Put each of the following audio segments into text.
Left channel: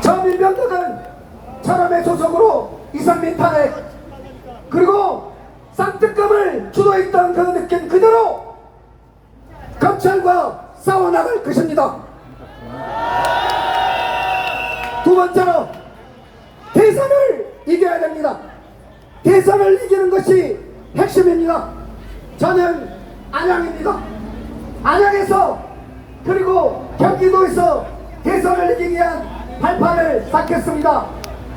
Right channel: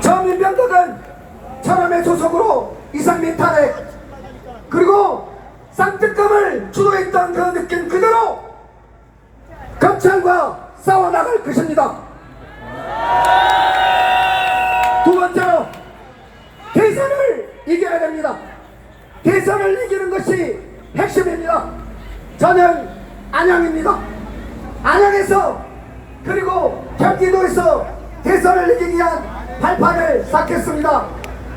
저 민병덕은 천암의 소속으로 이상민 탄핵 그리고 쌍특검을 주도했던 그 느낌 그대로 검찰과 싸워나갈 것입니다. 두 번째로 대선을 이겨야 됩니다. 대선을 이기는 것이 핵심입니다. 저는 안양입니다. 안양에서 그리고 경기도에서 대선을 이기기 위한 발판을 쌓겠습니다.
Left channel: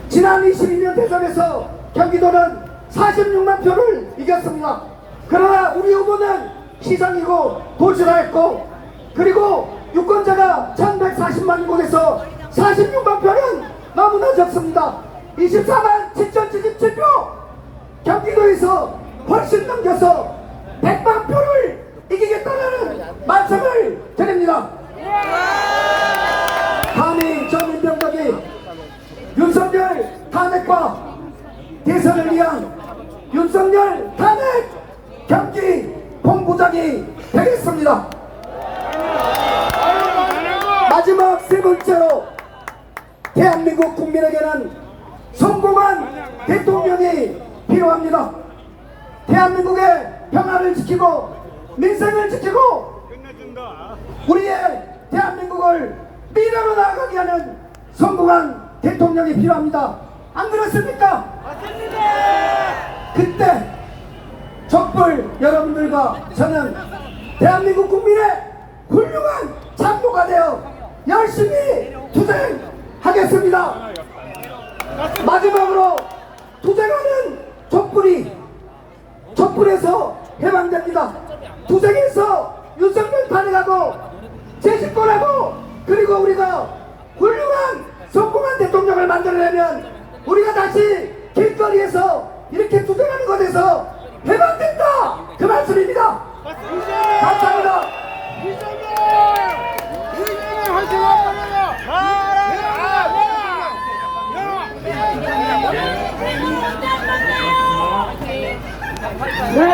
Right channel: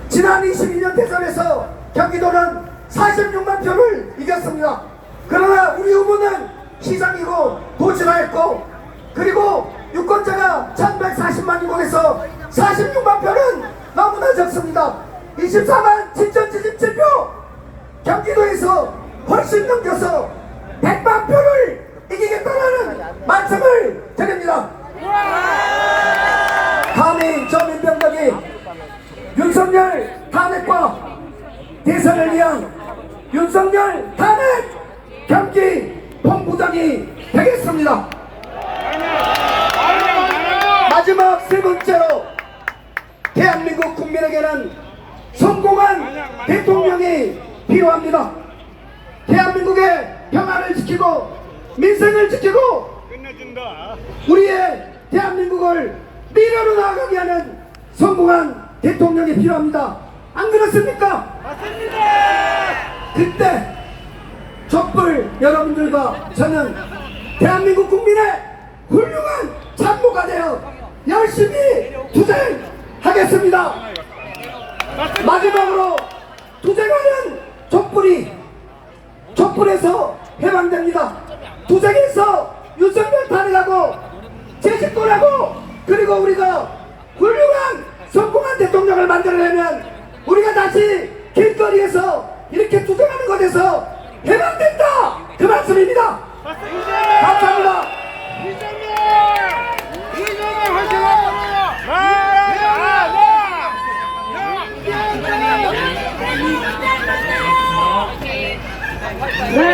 지난 22년 대선에서 경기도는 46만 표를 이겼습니다. 그러나 우리 후보는 시장이고 도지사였고 그리고 유권자가 1140만 곳에서 46만 표는 너무나 적습니다. 24만 7,077표 경기도에서 훨씬 넘겨서 100만 표를 이기겠다는 말씀을 드립니다. 민병덕이 윤석열 탄핵과 대선을 위한 윤석열 탄핵 경기 본부장이 되겠습니다. 마지막 세 번째로 대한민국 국민에게는 성공한 대통령이 필요합니다. 대한민국의 평화를 지키고 민생을 지키고 우리의 대한민국을 미래로 나아가기 위해는 성공한 대통령이 필요합니다. 안 그렇습니까? 그때 촛불 여러분들과 저는 대한민국 국민의 훌륭한 참모가 되어 열심히 투쟁하겠습니다. 마지막으로 투쟁하는 촛불이 촛불에서 해방됩니다. 투쟁에서 윤석열 탄핵하고 재집권하고 그리고 우리가 훌륭한 성공한 대통령을 만들려면 우리가 다시 길거리에서 이렇게 투쟁하는 것에서 해방된다! 그 말씀입니다! 감사합니다! 네.